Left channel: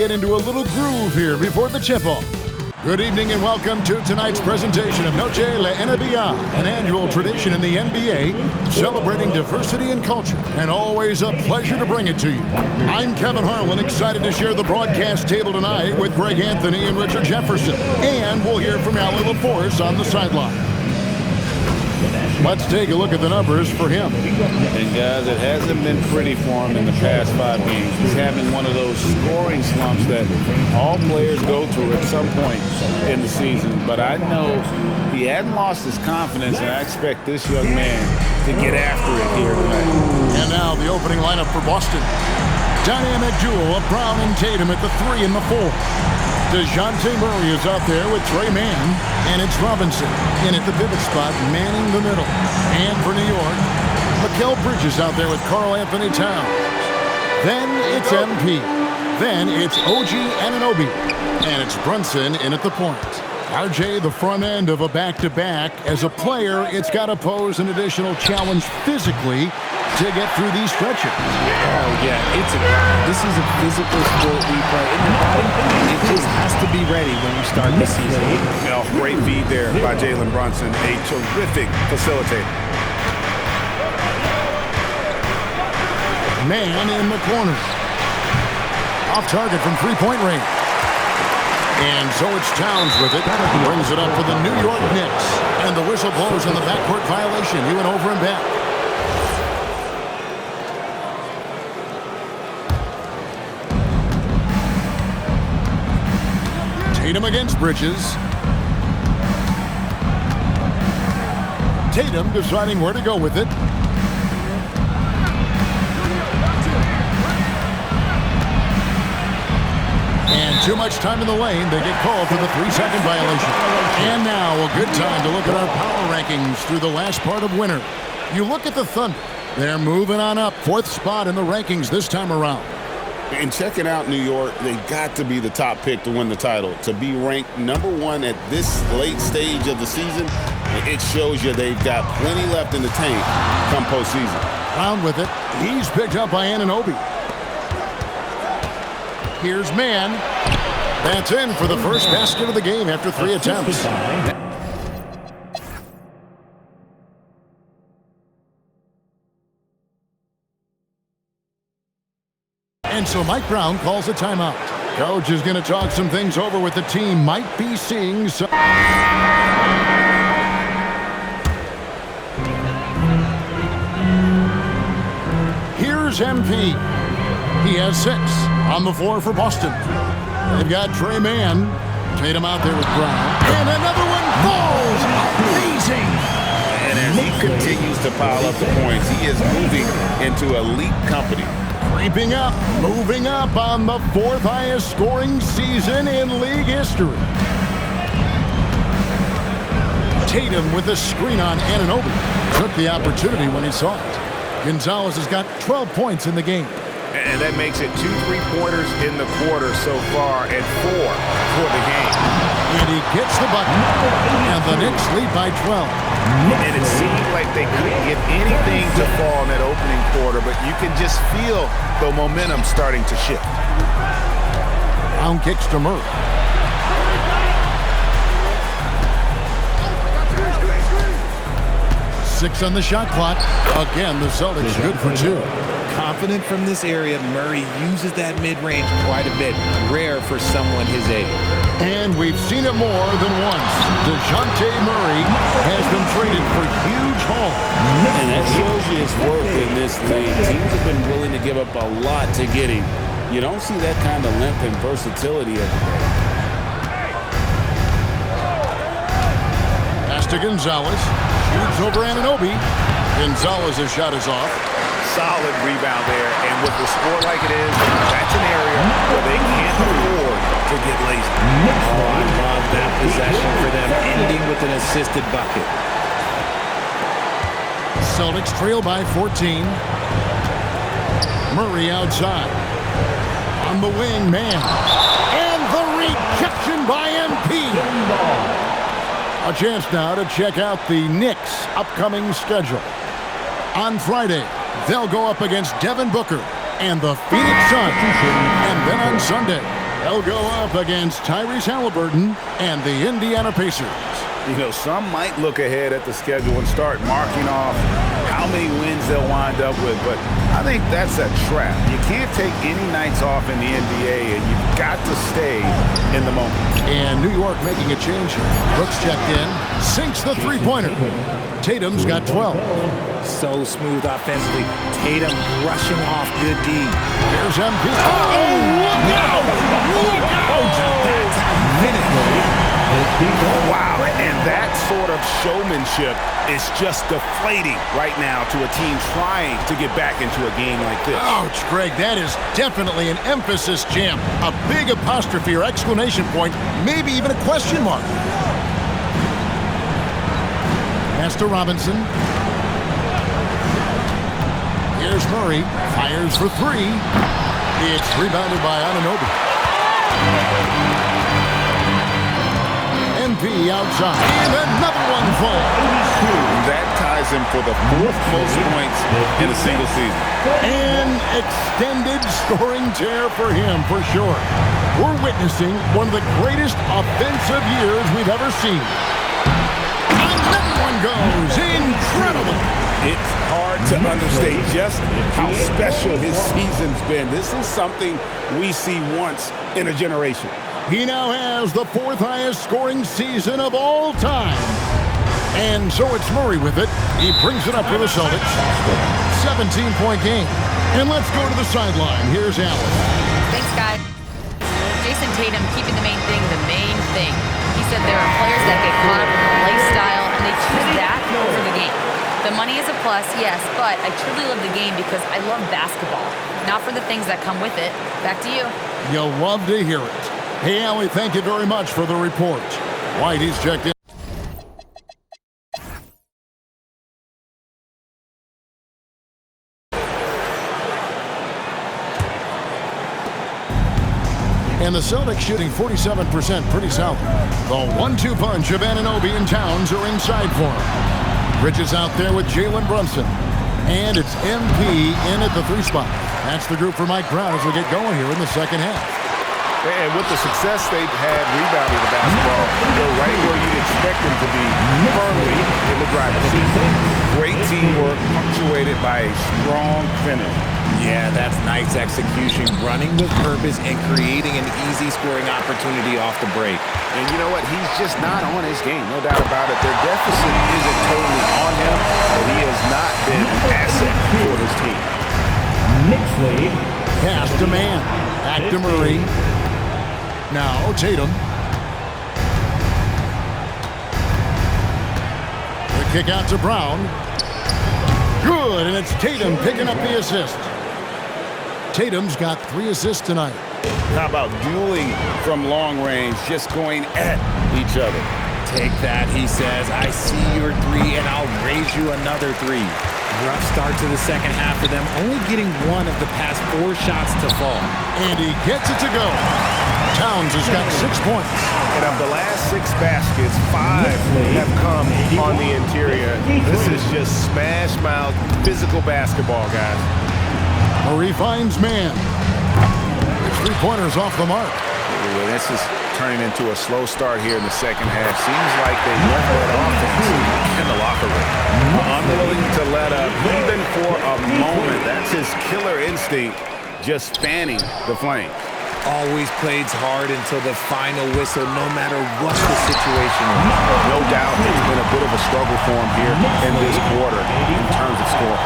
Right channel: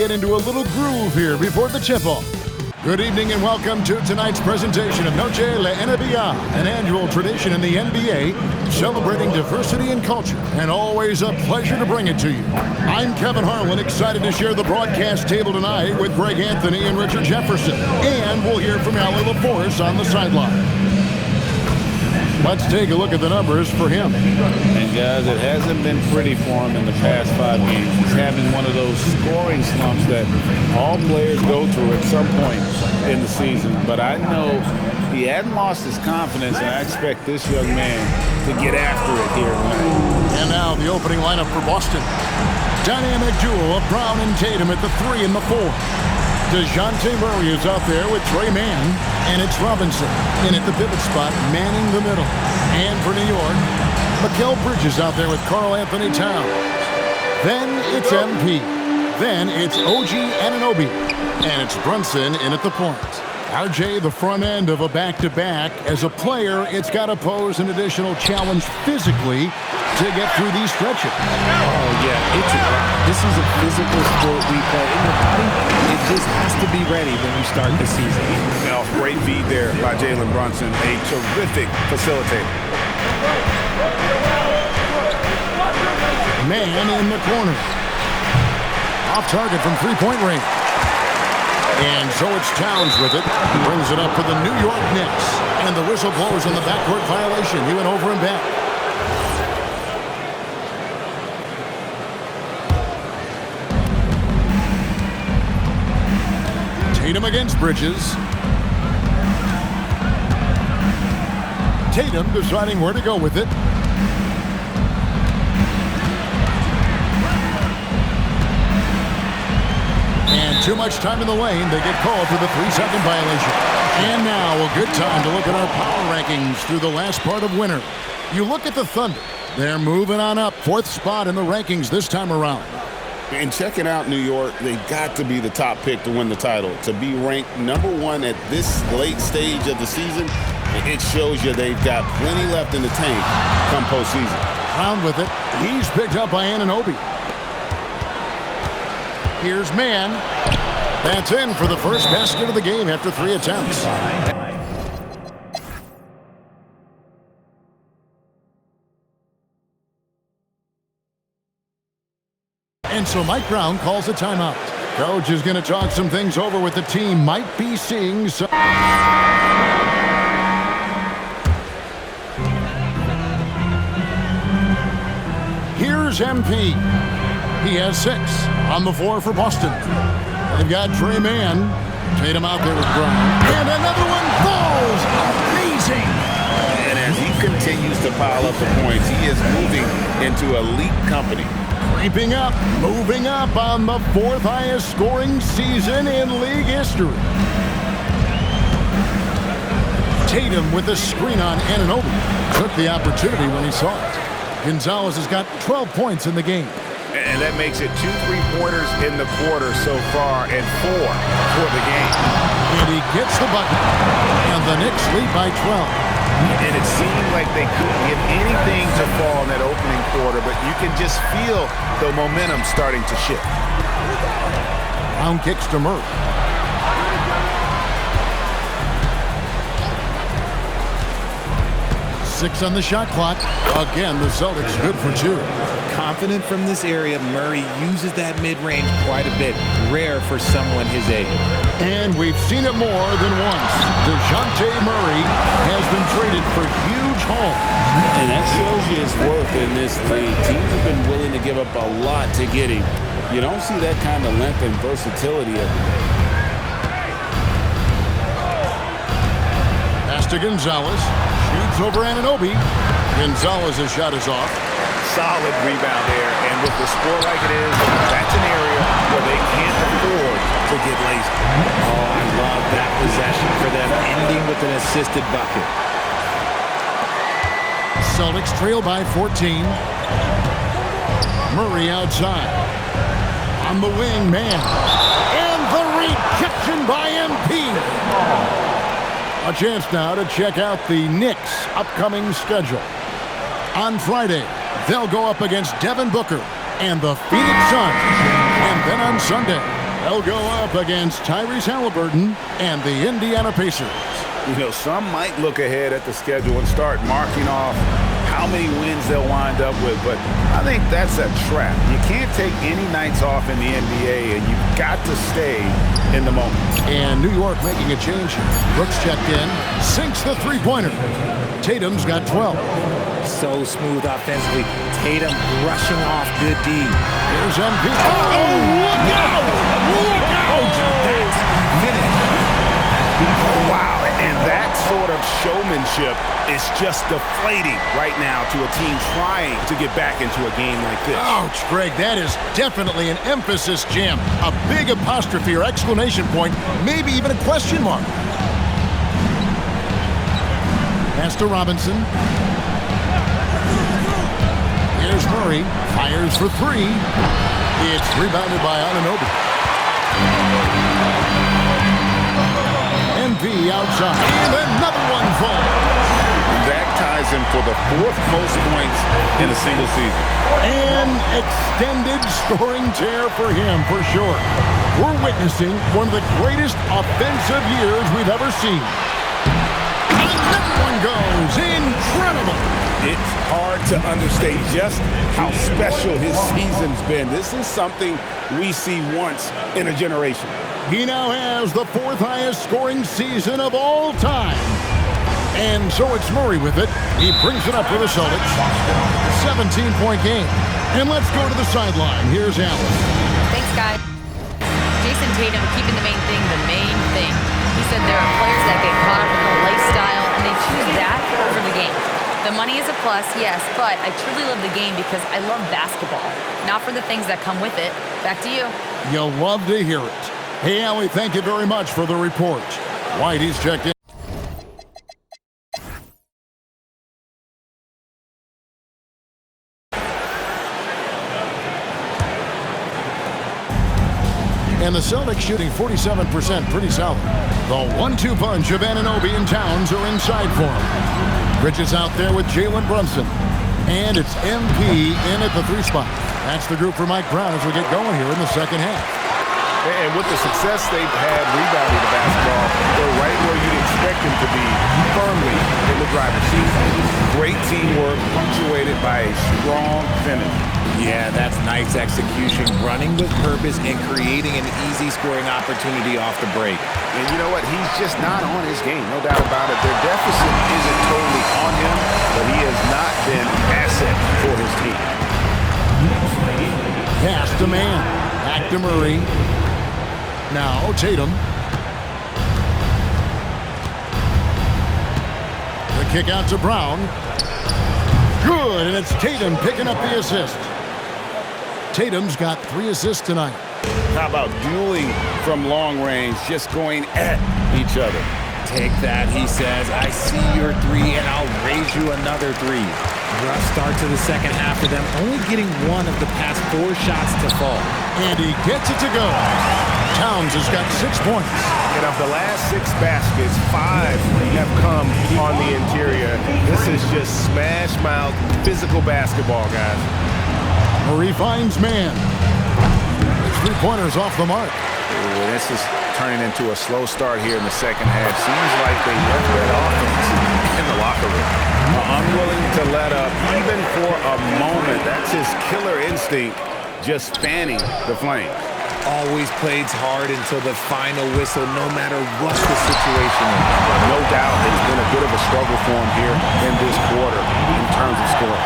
get into a little groove here before the tip-off. Good evening and welcome to tonight's presentation of Noche La NBA, an annual tradition in the NBA celebrating diversity and culture, and always a pleasure to bring it to you. I'm Kevin Harlan, excited to share the broadcast table tonight with Greg Anthony and Richard Jefferson, and we'll hear from Allie LaForce on the sideline. Let's take a look at the numbers for him. And guys, it hasn't been pretty for him in the past 5 games. He's having one of those scoring slumps that all players go through at some point in the season. But I know he hadn't lost his confidence, and I expect this young man to get after it here tonight. And now the opening lineup for Boston. Dynamic duo of Brown and Tatum at the 3 and the 4. DeJounte Murray is out there with Trey Mann, and it's Robinson in at the pivot spot, manning the middle. And for New York, Mikal Bridges out there with Karl Anthony Towns. Then it's MP. Then it's OG Anunoby, and it's Brunson in at the point. RJ, the front end of a back-to-back. As a player, it's got to pose an additional challenge physically to get through these stretches. Oh, yeah, it's a grind. This is a physical sport we play. And your body, it just has to be ready when you start the season. Well, great feed there by Jalen Brunson, a terrific facilitator. Man in the corner. Off target from three-point range. And so it's Towns with it. Brings it up for the New York Knicks. And the whistle blows on the backcourt violation. He went over and back. Tatum against Bridges. Tatum deciding where to go with it. And too much time in the lane. They get called for the 3-second violation. And now a good time to look at our power rankings through the last part of winter. You look at the Thunder. They're moving on up. 4th spot in the rankings this time around. And checking out New York, they got to be the top pick to win the title. To be ranked number 1 at this late stage of the season, it shows you they've got plenty left in the tank come postseason. Brown with it. He's picked up by Anunoby. Here's Mann. That's in for the first basket of the game after 3 attempts. And so Mike Brown calls a timeout. Coach is going to talk some things over with the team. Might be seeing some... Here's MP. He has 6 on the floor for Boston. They've got Trey Mann. Tatum out there with Brown. And another one falls. Amazing. And as he continues to pile up the points, he is moving into elite company. Creeping up, moving up on the 4th highest scoring season in league history. Tatum with a screen on Anunoby. Took the opportunity when he saw it. Gonzalez has got 12 points in the game. And that makes it 2 3-pointers in the quarter so far and 4 for the game. And he gets the bucket. And the Knicks lead by 12. And it seemed like they couldn't get anything to fall in that opening quarter, but you can just feel the momentum starting to shift. Brown kicks to Murray. Six on the shot clock. Again, the Celtics good for 2. Confident from this area, Murray uses that mid-range quite a bit. Rare for someone his age. And we've seen it more than once. DeJounte Murray has been traded for huge haul. And that shows you his worth in this league. Teams have been willing to give up a lot to get him. You don't see that kind of length and versatility every day. Pass to Gonzalez. Shoots over Anunoby. Gonzalez's shot is off. Solid rebound there, and with the score like it is, that's an area where they can't afford to get lazy. Oh, I love that possession for them, ending with an assisted bucket. Celtics trail by 14. Murray outside. On the wing, Mann. And the rejection by MP. A chance now to check out the Knicks' upcoming schedule. On Friday, they'll go up against Devin Booker and the Phoenix Suns. And then on Sunday, They'll go up against Tyrese Halliburton and the Indiana Pacers. You know, some might look ahead at the schedule and start marking off how many wins they'll wind up with, but I think that's a trap. You can't take any nights off in the NBA, and you've got to stay in the moment. And New York making a change here. Brooks checked in, sinks the three-pointer. Tatum's got 12. So smooth offensively. Tatum brushing off good D. Here's MP. Look out! Look out! That's how you finish. Wow, and that sort of showmanship is just deflating right now to a team trying to get back into a game like this. Ouch, Greg, that is definitely an emphasis jam. A big apostrophe or exclamation point, maybe even a question mark. Pass to Robinson. Here's Murray, fires for three. It's rebounded by Anunoby. MP outside, and another one falls. That ties him for the 4th most points in a single season. An extended scoring tear for him, for sure. We're witnessing one of the greatest offensive years we've ever seen. Another one goes. Incredible. It's hard to understate just how special his season's been. This is something we see once in a generation. He now has the 4th highest scoring season of all time. And so it's Murray with it. He brings it up for the Celtics. 17-point game. And let's go to the sideline. Here's Allen. Thanks, guys. Jason Tatum keeping the main thing. He said there are players that get caught up in the lifestyle, and they choose that over the game. The money is a plus, yes, but I truly love the game because I love basketball, not for the things that come with it. Back to you. You'll love to hear it. Hey, Allie, thank you very much for the report. White, he's checked in. And the Celtics shooting 47%, pretty solid. The 1-2 punch of Anunoby and Towns are inside for him. Bridges out there with Jalen Brunson. And it's MP in at the 3 spot. That's the group for Mike Brown as we get going here in the second half. And with the success they've had rebounding the basketball, they're right where you'd expect them to be, firmly in the driver's seat. Great teamwork, punctuated by a strong finish. Yeah, that's nice execution, running with purpose and creating an easy scoring opportunity off the break. And you know what? He's just not on his game, no doubt about it. Their deficit isn't totally on him, but he has not been an asset for his team. Pass to man. Back to Murray. Now Tatum. The kick out to Brown. Good, and it's Tatum picking up the assist. Tatum's got 3 assists tonight. How about dueling from long range, just going at each other? Take that, he says. I see your 3, and I'll raise you another 3. Rough start to the second half for them, only getting 1 of the past 4 shots to fall. And he gets it to go. Towns has got 6 points. And of the last 6 baskets, 5 have come on the interior. This is just smash mouth, physical basketball, guys. Murray finds man. The 3-pointer's off the mark. Ooh, this is turning into a slow start here in the second half. Seems like they left that offense in the locker room. Unwilling to let up, even for a moment. That's his killer instinct, just fanning the flames. Always plays hard until the final whistle, no matter what the situation is. No doubt it's been a bit of a struggle for him here in this quarter in terms of scoring.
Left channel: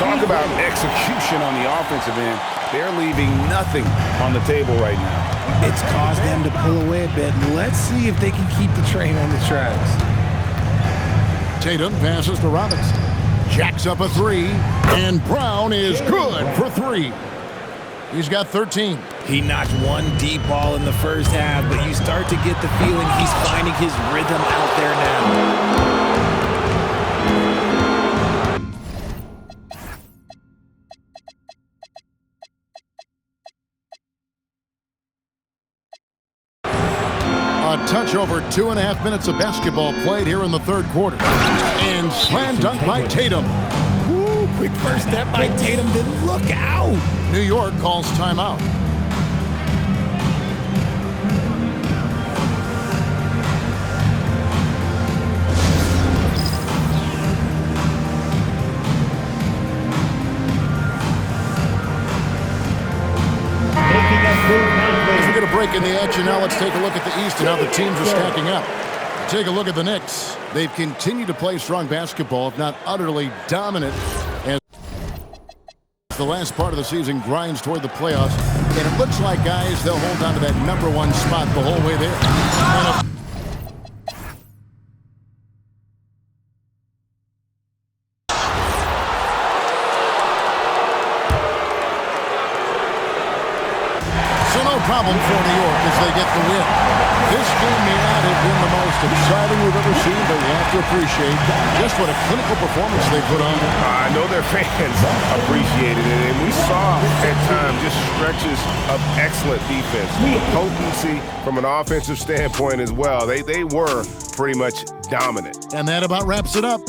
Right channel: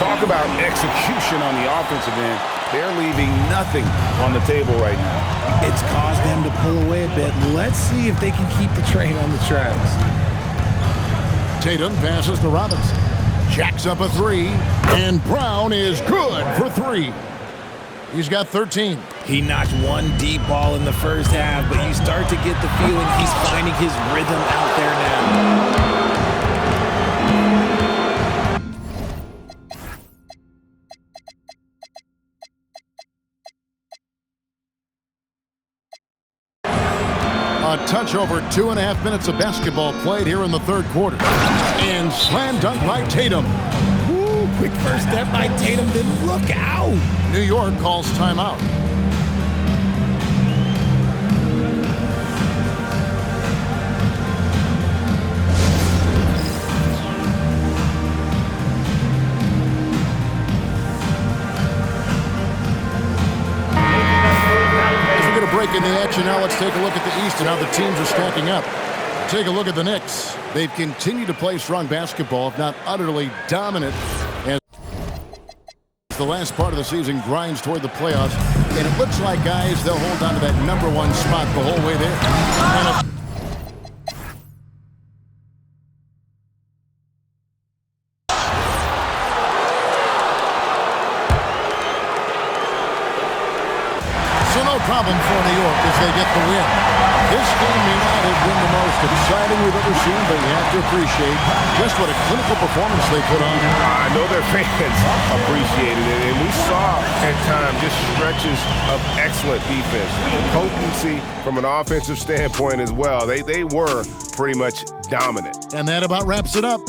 Talk about execution on the offensive end. They're leaving nothing on the table right now. It's caused them to pull away a bit. Let's see if they can keep the train on the tracks. Tatum passes to Robinson. Jacks up a 3, and Brown is good for 3. He's got 13. He notched 1 deep ball in the first half, but you start to get the feeling he's finding his rhythm out there now. A touch over 2.5 minutes of basketball played here in the third quarter. And slam dunk by Tatum. Woo, quick first step by Tatum, then look out. New York calls timeout. get a break in the action. Now let's take a look at the East and how the teams are stacking up. Take a look at the Knicks. They've continued to play strong basketball, if not utterly dominant, as the last part of the season grinds toward the playoffs. And it looks like, guys, they'll hold on to that #1 spot the whole way there. So no problem for New York as they get the win. This game may not have been the most exciting we've ever seen, but you have to appreciate just what a clinical performance they put on. I know their fans appreciated it, and we saw at times just stretches of excellent defense. Potency from an offensive standpoint as well. They were pretty much dominant. And that about wraps it up.